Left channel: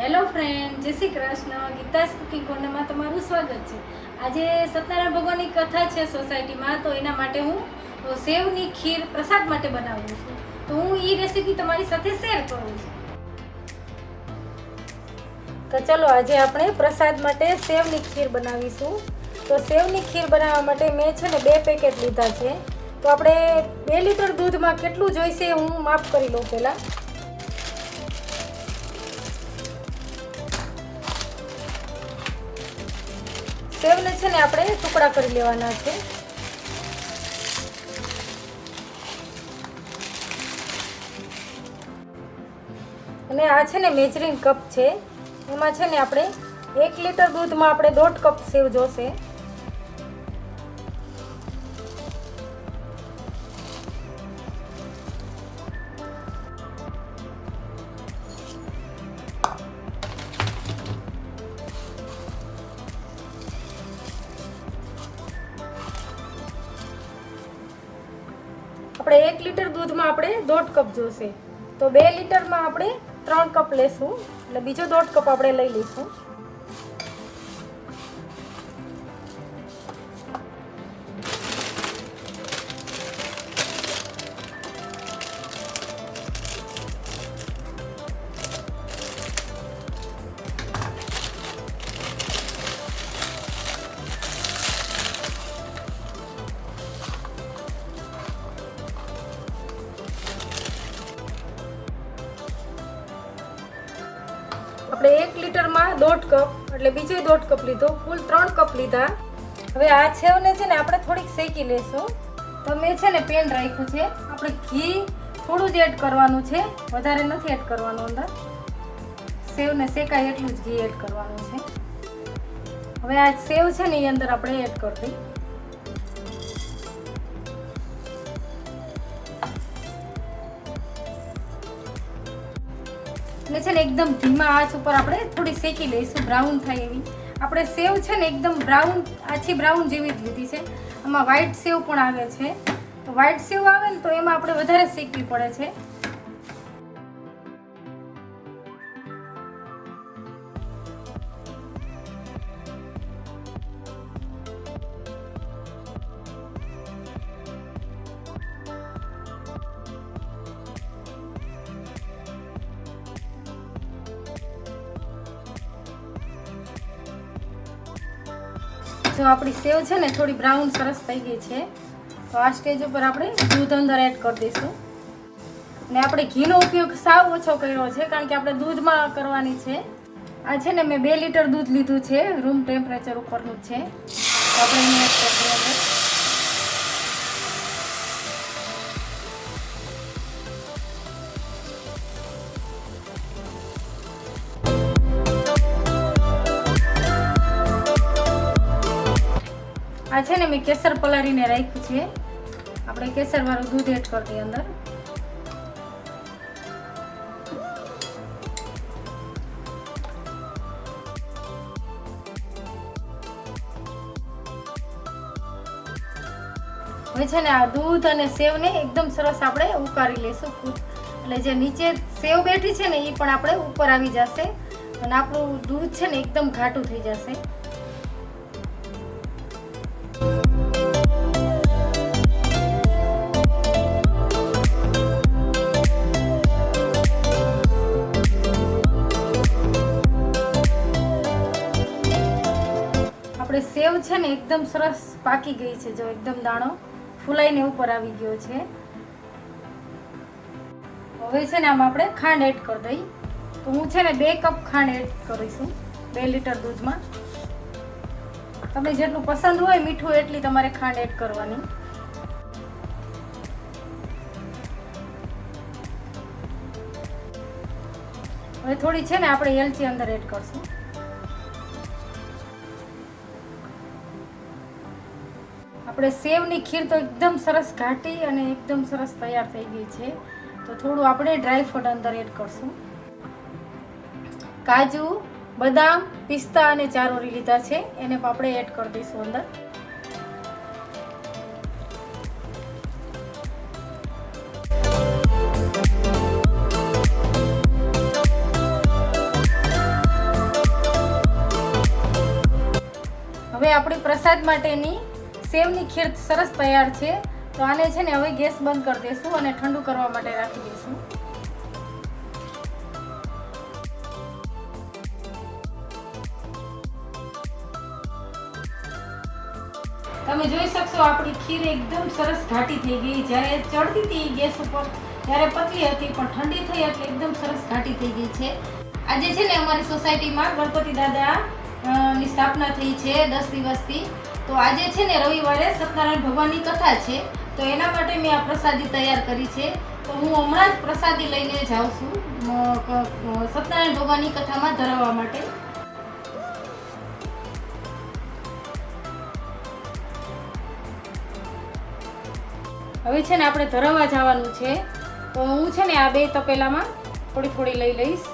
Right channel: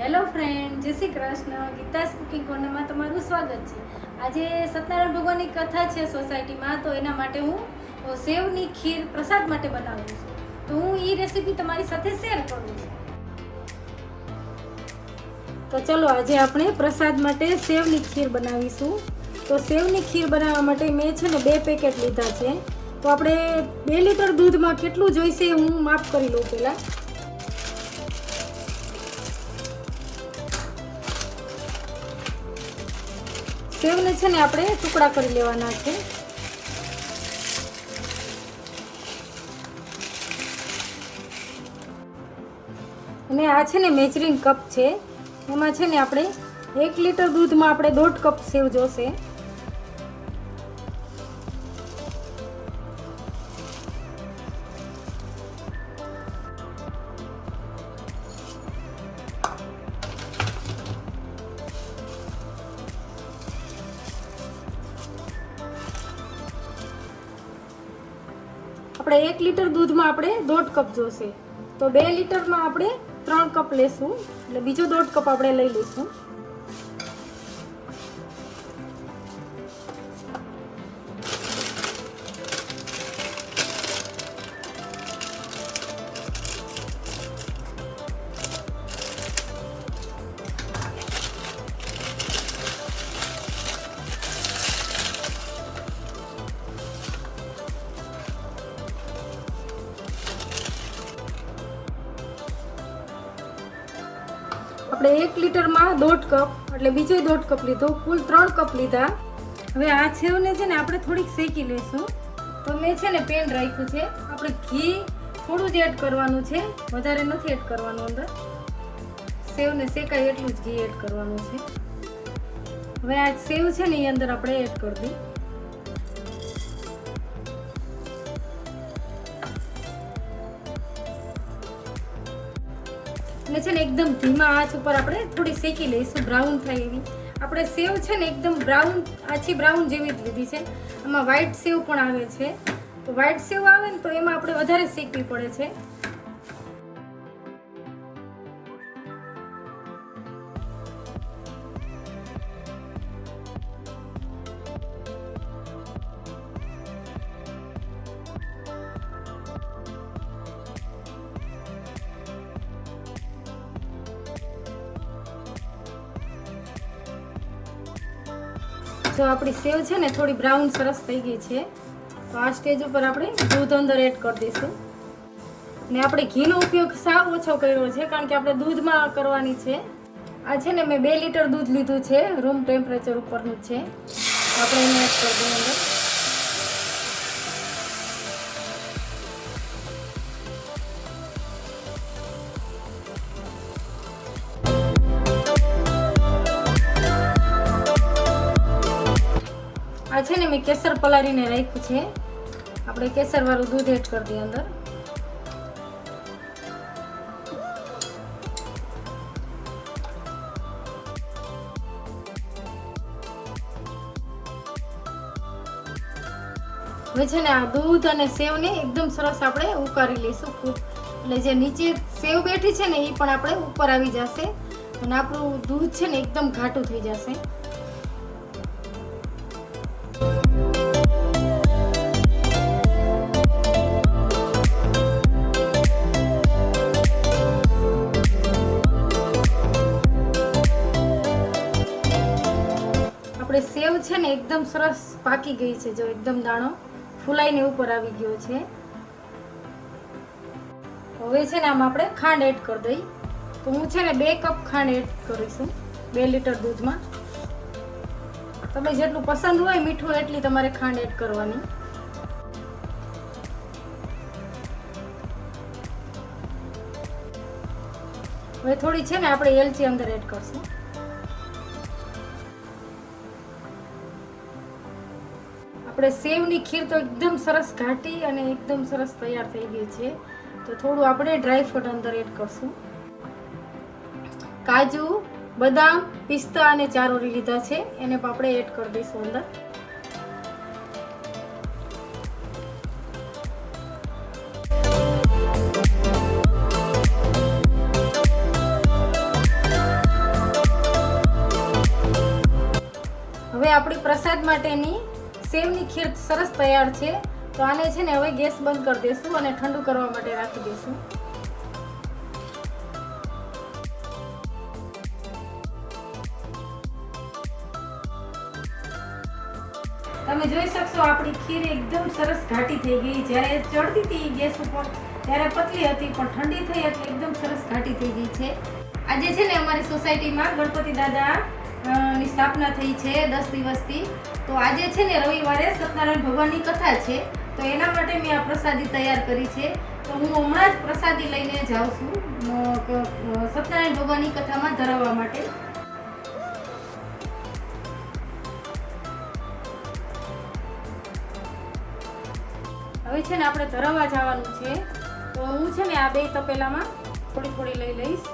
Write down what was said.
Hello friend જય Shri Krishna. Geeta's cooking કોર્નરમાં તમારું સ્વાગત છે. આજે સત્યનારાયણ ભગવાનની કથા છે સોસાયટીમાં, તો એના માટે હું સેવની ખીર પ્રસાદ માટે બનાવું છું. તો હું એ રેસીપી તમારી સાથે શેર કરું છું. તો ચલો, આજે આપણે પ્રસાદ માટે સેવની ખીર બનાવીશું. તો સેવની ખીર બનાવવા માટે મેં છે ને બે પેકેટ લીધા છે. તો આપણે બે લીટર દૂધમાં કેટલું જોઈશે હું માફ કરી લઉં પહેલાં. સેવને છે ને આપણે ટુકડા કરી લેવાના છે. અને આ છે ને મેજરિંગ કપ છે. એમાં છે ને આપણે એક લીટર દૂધમાં આપણે દોઢ કપ સેવ જોશે. આપણે એક લીટર દૂધમાં આપણે દોઢ કપ જોશે. તો બે લીટરમાં આપણે ત્રણ કપ લેશું. એટલે બીજો દોઢ કપ આપણે લઈ લઈશું. આપણે એક લીટરમાં દોઢ કપ, એટલે બીજો દોઢ કપ લીધો, કુલ ત્રણ કપ લીધા. હવે આ છેવને છે ને આપણે થોડીક શેકી લેશું તો મેં છે ને પેન રાખ્યું છે. આપણે ઘી થોડું જ એડ કરવાનું છે. વધારે નથી એડ કરવાનું અંદર. સેવને શેકાય એટલું જ ઘી એડ કરવાનું છે. હવે આ સેવ છે ને એ અંદર આપણે એડ કરી દઈએ. એટલે છે ને એકદમ ધીમા આંચ ઉપર આપણે થોડી શેકી લઈશું બ્રાઉન થાય એવી. આપણે સેવ છે ને એકદમ બ્રાઉન આછી બ્રાઉન જેવી જ લીધી છે. આમાં વ્હાઈટ સેવ પણ આવે છે. તો વ્હાઈટ સેવ આવે ને તો એમાં આપણે વધારે શેકવી પડે છે. જો આપણી સેવ છે ને, થોડી બ્રાઉન સરસ થઈ ગઈ છે. તો આ સ્ટેજ ઉપર આપણે દૂધ અંદર એડ કરી દઈશું. ને આપણે ઘીનો ઉપયોગ સાવ ઓછો કર્યો છે, કારણ કે આપણે દૂધમાં કરવાની છે. આ છે ને, મેં બે લીટર દૂધ લીધું છે રૂમ ટેમ્પરેચર ઉપરનું છે. આપણે એને એડ કરી દઈએ. આ છે ને મેં કેસર પલાળીને રાખ્યું છે. આપણે કેસર વાળું દૂધ એડ કરી દઈએ અંદર. હવે છે ને આ દૂધ અને સેવને એકદમ સરસ આપણે ઉકાળી લઈશું એટલે જે નીચે સેવ બેઠી છે ને એ પણ આપણે ઉપર આવી જશે. અને આપણું દૂધ છે ને એકદમ ઘાટું થઈ જશે. આપણે સેવ છે ને એકદમ સરસ પાકી ગઈ છે જો, એકદમ દાણો ફૂલાઈને ઉપર આવી ગયો છે. હવે છે ને આમાં આપણે ખાંડ એડ કરી દઈ. તો હું છે ને બે કપ ખાંડ એડ કરીશું, બે લીટર દૂધમાં. તમે જેટલું પસંદ હોય મીઠું એટલી તમારે ખાંડ એડ કરવાની. હવે થોડી છે ને આપણે એલચી અંદર એડ કરશું. આપણે સેવની ખીર તો એકદમ સરસ ઘાટી અને એકદમ સરસ તૈયાર થઈ ગઈ છે. તો થોડું આપણે ડ્રાય ફ્રૂટ અંદર એડ કરશું. કાજુ, બદામ, પિસ્તા અને ચારોળી લીધા છે. એને પણ આપણે એડ કરી દઈશું અંદર. હવે આપણી પ્રસાદ માટેની સેવની ખીર સરસ તૈયાર છે. તો આને છે ને હવે ગેસ બંધ કરી દઈશું અને ઠંડુ કરવા માટે રાખી દઈશું તમે જોઈ શકશો આપણી ખીર એકદમ સરસ ઘાટી થઈ ગઈ. જ્યારે ચડતી હતી ગેસ ઉપર, ત્યારે પતલી હતી, પણ ઠંડી થઈ એટલે એકદમ સરસ ઘાટી થઈ ગઈ છે. આજે છે ને અમારી સોસાયટીમાં ગણપતિ દાદા ની સ્થાપના થઈ છે દસ દિવસથી. તો આજે છે ને રવિવારે સત્યનારાયણ ભગવાનની કથા છે. તો એના માટે મેં આ પ્રસાદી તૈયાર કરી છે. તો હું હમણાં જ પ્રસાદી લઈને જાઉં છું. સત્યનારાયણ ભગવાનની કથામાં ધરાવવા માટે. હવે છે ને આપણે ધરાવવા જવાનું છે. તો હું છે ને આ બે તપેલામાં થોડી થોડી લઈ લઈશ.